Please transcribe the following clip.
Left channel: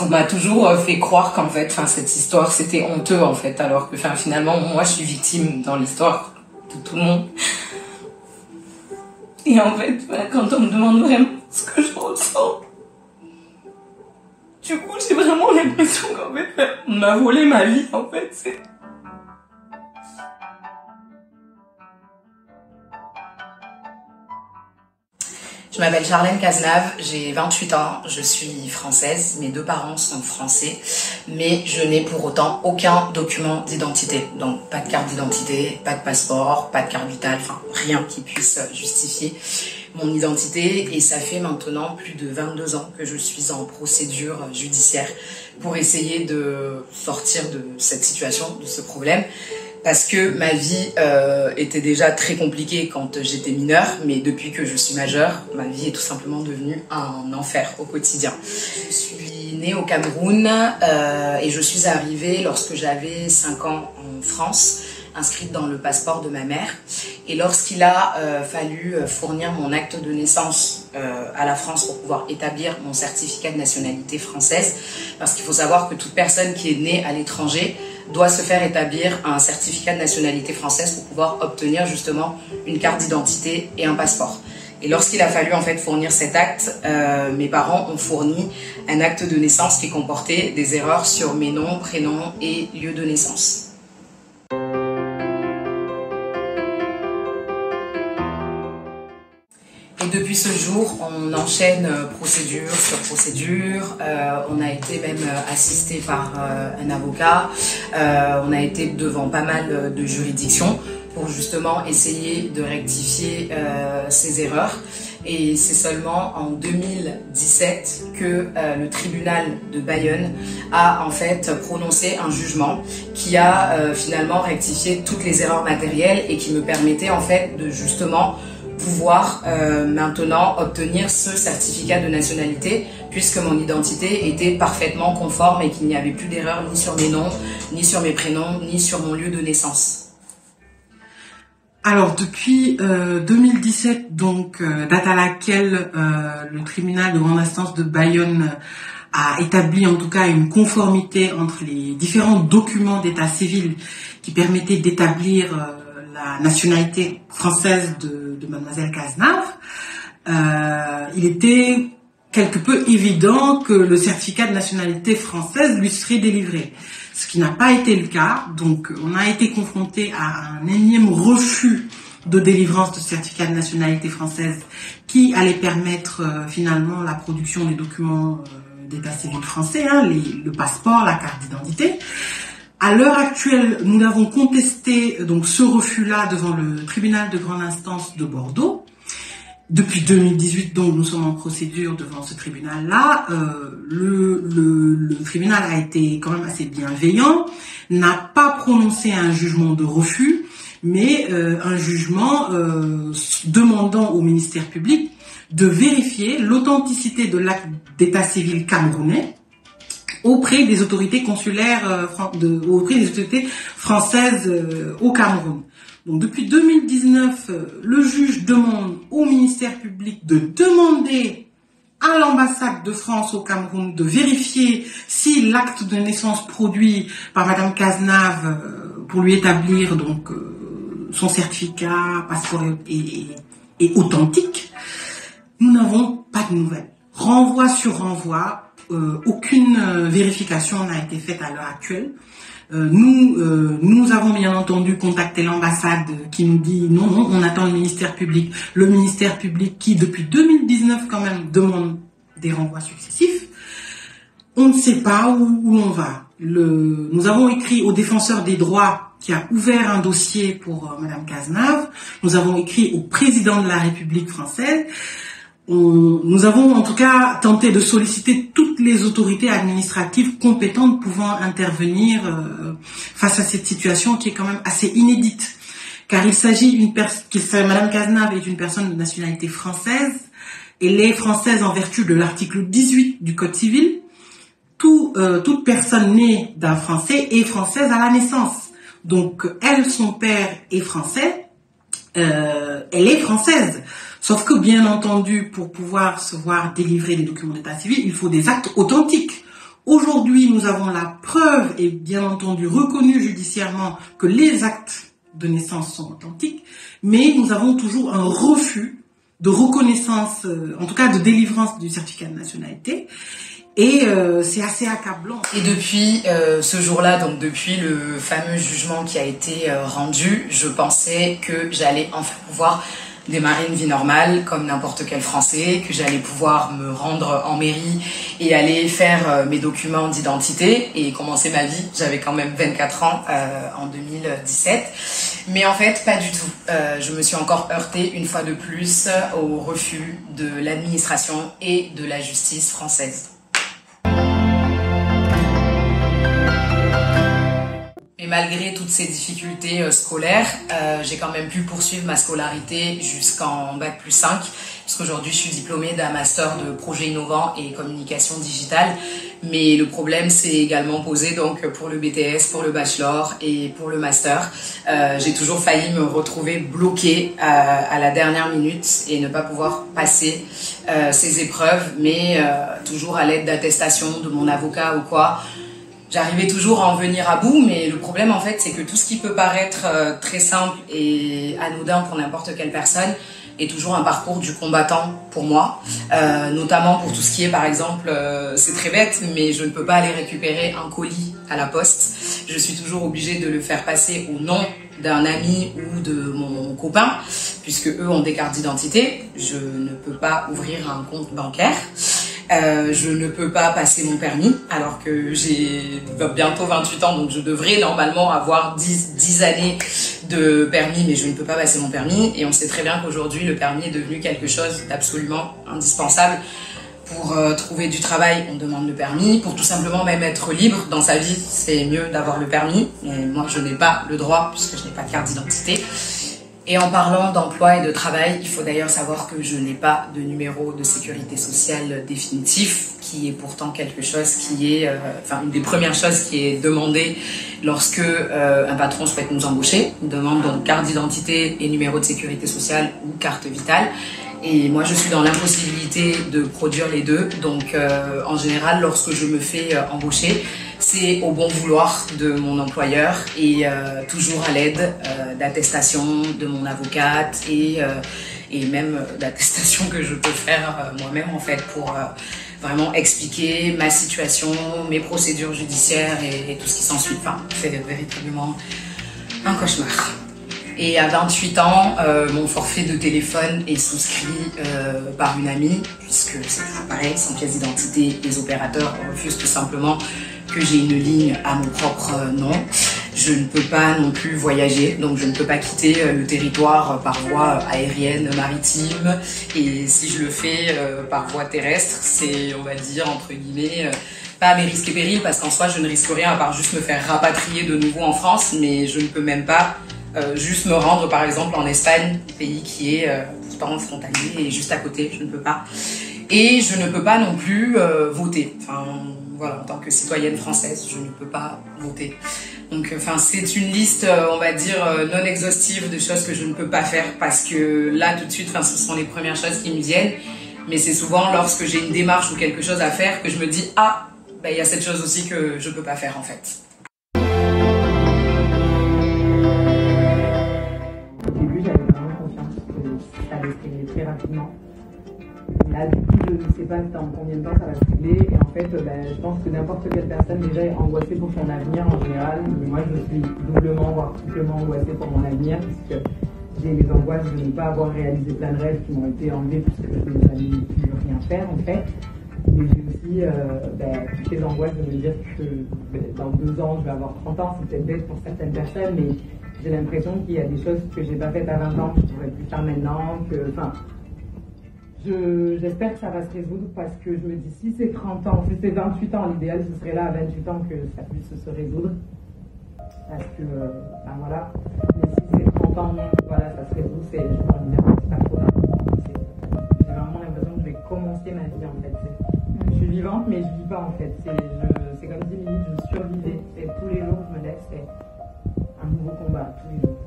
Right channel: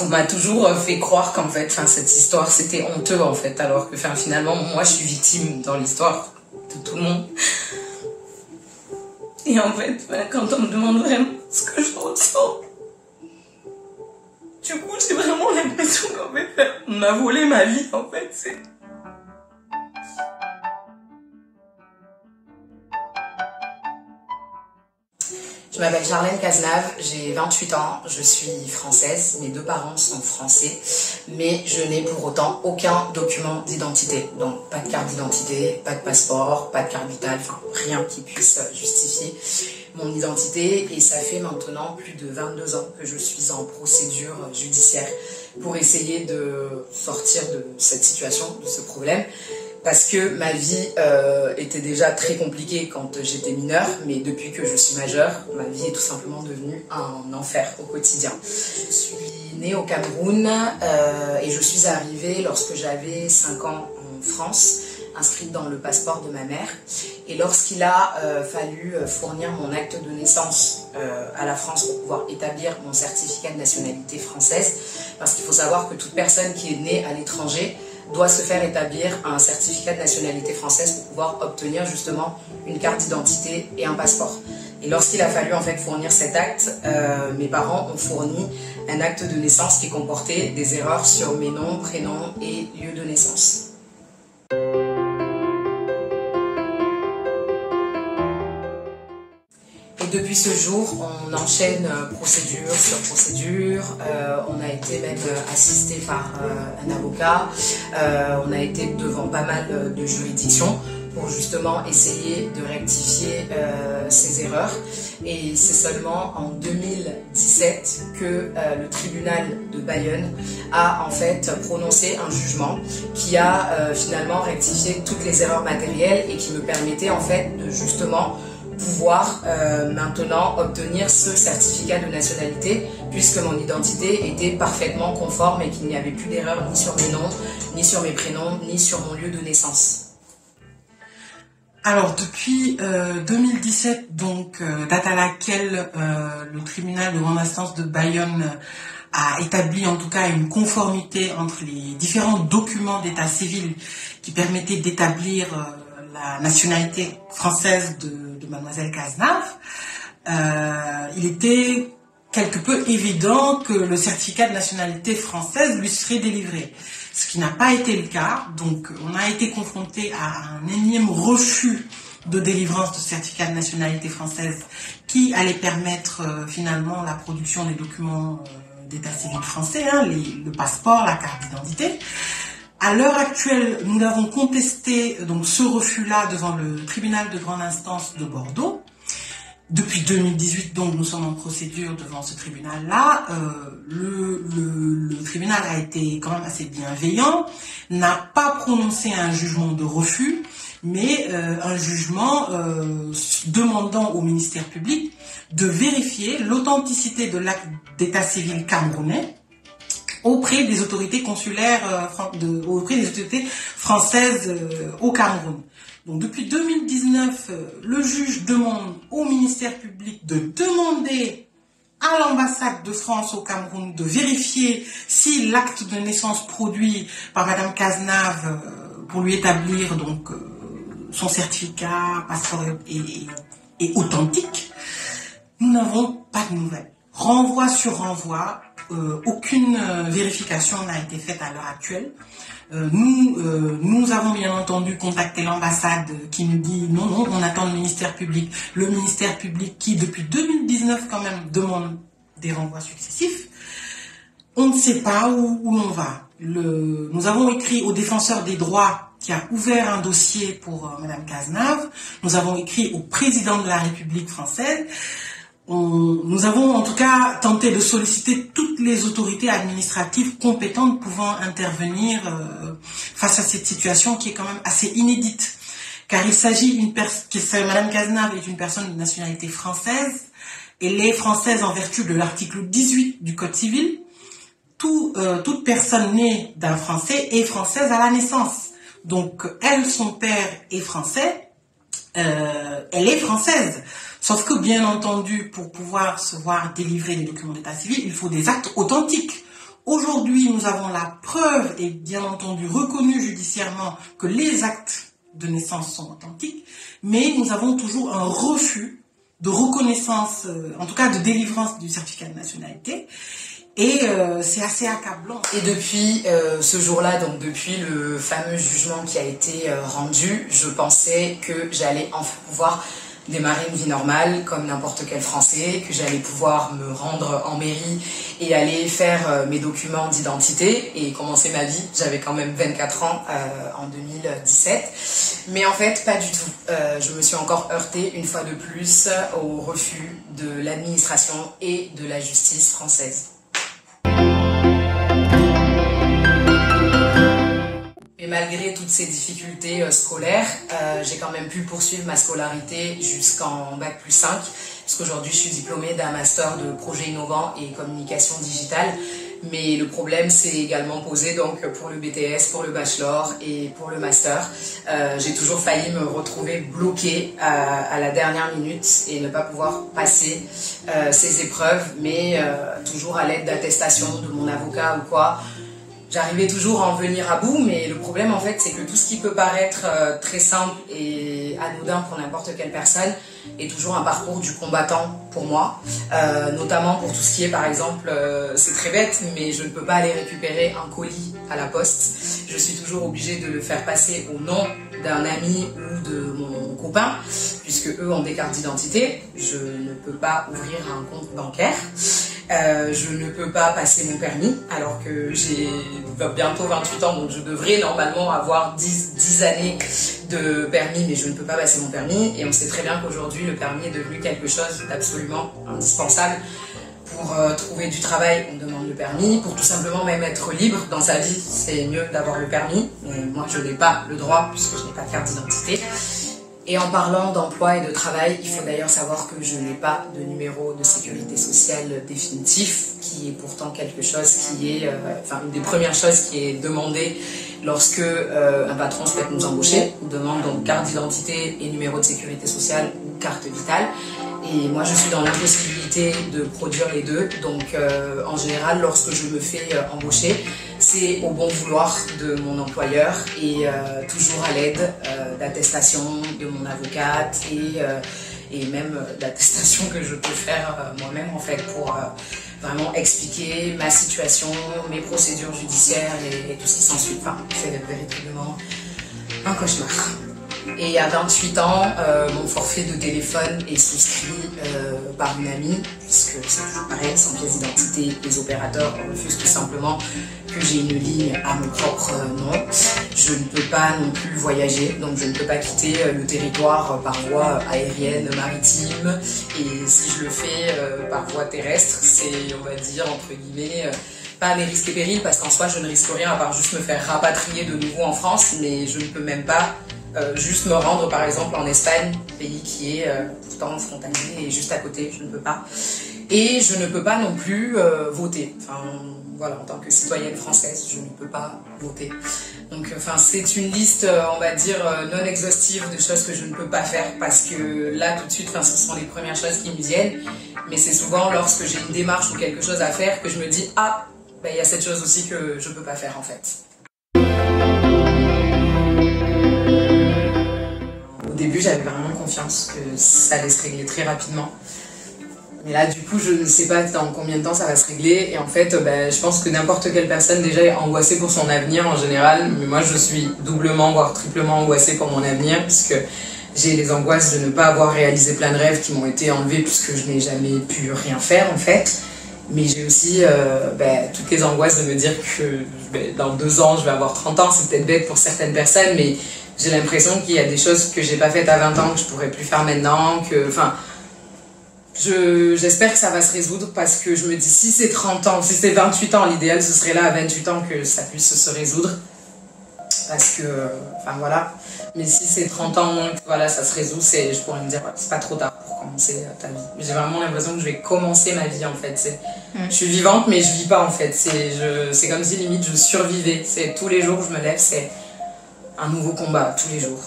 qu'on m'a toujours fait croire qu'en fait, cette histoire, c'était honteux, en fait, alors que finalement, moi, je suis victime dans l'histoire de tout le monde. Et en fait, quand on me demande vraiment ce que je ressens, du coup, j'ai vraiment l'impression qu'en fait, on m'a volé ma vie, en fait, Je m'appelle Charlène Cazenave, j'ai 28 ans, je suis française, mes deux parents sont français, mais je n'ai pour autant aucun document d'identité. Donc pas de carte d'identité, pas de passeport, pas de carte vitale, rien qui puisse justifier mon identité. Et ça fait maintenant plus de 22 ans que je suis en procédure judiciaire pour essayer de sortir de cette situation, de ce problème. Parce que ma vie était déjà très compliquée quand j'étais mineure, mais depuis que je suis majeure, ma vie est tout simplement devenue un enfer au quotidien. Je suis née au Cameroun et je suis arrivée lorsque j'avais 5 ans en France, inscrite dans le passeport de ma mère. Et lorsqu'il a fallu fournir mon acte de naissance à la France pour pouvoir établir mon certificat de nationalité française, parce qu'il faut savoir que toute personne qui est née à l'étranger doit se faire établir un certificat de nationalité française pour pouvoir obtenir justement une carte d'identité et un passeport. Et lorsqu'il a fallu en fait fournir cet acte, mes parents ont fourni un acte de naissance qui comportait des erreurs sur mes noms, prénoms et lieux de naissance. Et depuis ce jour, on enchaîne procédure sur procédure. On a été même assisté par un avocat. On a été devant pas mal de juridictions pour justement essayer de rectifier ces erreurs. Et c'est seulement en 2017 que le tribunal de Bayonne a en fait prononcé un jugement qui a finalement rectifié toutes les erreurs matérielles et qui me permettait en fait de justement pouvoir maintenant obtenir ce certificat de nationalité puisque mon identité était parfaitement conforme et qu'il n'y avait plus d'erreur ni sur mes noms, ni sur mes prénoms, ni sur mon lieu de naissance. Alors depuis 2017, donc date à laquelle le tribunal de grande instance de Bayonne a établi en tout cas une conformité entre les différents documents d'état civil qui permettaient d'établir la nationalité française de mademoiselle Cazenave, il était quelque peu évident que le certificat de nationalité française lui serait délivré. Ce qui n'a pas été le cas, donc on a été confronté à un énième refus de délivrance de certificat de nationalité française qui allait permettre finalement la production des documents d'état civil français, le passeport, la carte d'identité. À l'heure actuelle, nous avons contesté donc ce refus-là devant le tribunal de grande instance de Bordeaux. Depuis 2018, donc, nous sommes en procédure devant ce tribunal-là. Le tribunal a été quand même assez bienveillant, n'a pas prononcé un jugement de refus, mais un jugement demandant au ministère public de vérifier l'authenticité de l'acte d'état civil camerounais auprès des autorités consulaires, auprès des autorités françaises au Cameroun. Donc depuis 2019, le juge demande au ministère public de demander à l'ambassade de France au Cameroun de vérifier si l'acte de naissance produit par Madame Cazenave pour lui établir donc son certificat, passeport est authentique. Nous n'avons pas de nouvelles. Renvoi sur renvoi, aucune vérification n'a été faite à l'heure actuelle. Nous avons bien entendu contacté l'ambassade qui nous dit non, on attend le ministère public. Le ministère public qui, depuis 2019 quand même, demande des renvois successifs. On ne sait pas où l'on va. Nous avons écrit au défenseur des droits qui a ouvert un dossier pour Madame Cazenave. Nous avons écrit au président de la République française. Nous avons en tout cas tenté de solliciter toutes les autorités administratives compétentes pouvant intervenir face à cette situation qui est quand même assez inédite. Car il s'agit Madame Cazenave est une personne de nationalité française. Elle est française en vertu de l'article 18 du Code civil. Toute personne née d'un Français est française à la naissance. Donc elle, son père est français, elle est française. Sauf que, bien entendu, pour pouvoir se voir délivrer des documents d'état civil, il faut des actes authentiques. Aujourd'hui, nous avons la preuve et bien entendu reconnu judiciairement que les actes de naissance sont authentiques, mais nous avons toujours un refus de reconnaissance, en tout cas de délivrance du certificat de nationalité. Et c'est assez accablant. Et depuis ce jour-là, donc depuis le fameux jugement qui a été rendu, je pensais que j'allais enfin pouvoir démarrer une vie normale comme n'importe quel Français, que j'allais pouvoir me rendre en mairie et aller faire mes documents d'identité et commencer ma vie. J'avais quand même 24 ans en 2017. Mais en fait, pas du tout. Je me suis encore heurtée une fois de plus au refus de l'administration et de la justice française. Et malgré toutes ces difficultés scolaires, j'ai quand même pu poursuivre ma scolarité jusqu'en Bac+5, puisqu'aujourd'hui je suis diplômée d'un master de projet innovant et communication digitale. Mais le problème s'est également posé donc pour le BTS, pour le bachelor et pour le master. J'ai toujours failli me retrouver bloquée à la dernière minute et ne pas pouvoir passer ces épreuves, mais toujours à l'aide d'attestations de mon avocat ou quoi. J'arrivais toujours à en venir à bout, mais le problème en fait c'est que tout ce qui peut paraître très simple et anodin pour n'importe quelle personne est toujours un parcours du combattant pour moi, notamment pour tout ce qui est par exemple, c'est très bête, mais je ne peux pas aller récupérer un colis à la poste. Je suis toujours obligée de le faire passer au nom d'un ami ou de mon copain, puisque eux ont des cartes d'identité. Je ne peux pas ouvrir un compte bancaire. Je ne peux pas passer mon permis alors que j'ai bientôt 28 ans, donc je devrais normalement avoir 10 années de permis, mais je ne peux pas passer mon permis. Et on sait très bien qu'aujourd'hui, le permis est devenu quelque chose d'absolument indispensable. Pour trouver du travail, on demande le permis. Pour tout simplement même être libre dans sa vie, c'est mieux d'avoir le permis. Et moi, je n'ai pas le droit puisque je n'ai pas de carte d'identité. Et en parlant d'emploi et de travail, il faut d'ailleurs savoir que je n'ai pas de numéro de sécurité sociale définitif, qui est pourtant quelque chose qui est, une des premières choses qui est demandée lorsque un patron souhaite nous embaucher. Il demande donc carte d'identité et numéro de sécurité sociale ou carte vitale. Et moi, je suis dans l'impossibilité de produire les deux. Donc, en général, lorsque je me fais embaucher, c'est au bon vouloir de mon employeur et toujours à l'aide d'attestations de mon avocate et même d'attestations que je peux faire moi-même en fait pour vraiment expliquer ma situation, mes procédures judiciaires et tout ce qui s'ensuit. Enfin, c'est véritablement un cauchemar. Et à 28 ans, mon forfait de téléphone est souscrit par une amie, puisque c'est toujours pareil, sans pièce d'identité, les opérateurs refusent tout simplement que j'ai une ligne à mon propre nom. Je ne peux pas non plus voyager, donc je ne peux pas quitter le territoire par voie aérienne, maritime. Et si je le fais par voie terrestre, c'est, on va dire, entre guillemets, pas mes risques et périls, parce qu'en soi, je ne risque rien à part juste me faire rapatrier de nouveau en France, mais je ne peux même pas juste me rendre par exemple en Espagne, pays qui est pourtant frontalier et juste à côté, je ne peux pas. Et je ne peux pas non plus voter. Enfin, voilà, en tant que citoyenne française, je ne peux pas voter. Donc, c'est une liste, on va dire, non exhaustive de choses que je ne peux pas faire parce que là, tout de suite, ce sont les premières choses qui me viennent. Mais c'est souvent lorsque j'ai une démarche ou quelque chose à faire que je me dis « Ah, il y a cette chose aussi que je ne peux pas faire en fait ». Au début, j'avais vraiment confiance que ça allait se régler très rapidement. Mais là, du coup, je ne sais pas dans combien de temps ça va se régler. Et en fait, je pense que n'importe quelle personne déjà est angoissée pour son avenir en général. Mais moi, je suis doublement, voire triplement angoissée pour mon avenir puisque j'ai les angoisses de ne pas avoir réalisé plein de rêves qui m'ont été enlevés puisque je n'ai jamais pu rien faire en fait. Mais j'ai aussi toutes les angoisses de me dire que dans 2 ans, je vais avoir 30 ans. C'est peut-être bête pour certaines personnes, mais j'ai l'impression qu'il y a des choses que j'ai pas faites à 20 ans que je pourrais plus faire maintenant. J'espère que ça va se résoudre parce que je me dis si c'est 30 ans, si c'est 28 ans, l'idéal ce serait là à 28 ans que ça puisse se résoudre. Parce que, voilà. Mais si c'est 30 ans, voilà, ça se résout, je pourrais me dire, c'est pas trop tard pour commencer ta vie. J'ai vraiment l'impression que je vais commencer ma vie en fait. Je suis vivante mais je vis pas en fait. C'est comme si limite je survivais. Tous les jours que je me lève, c'est un nouveau combat, tous les jours.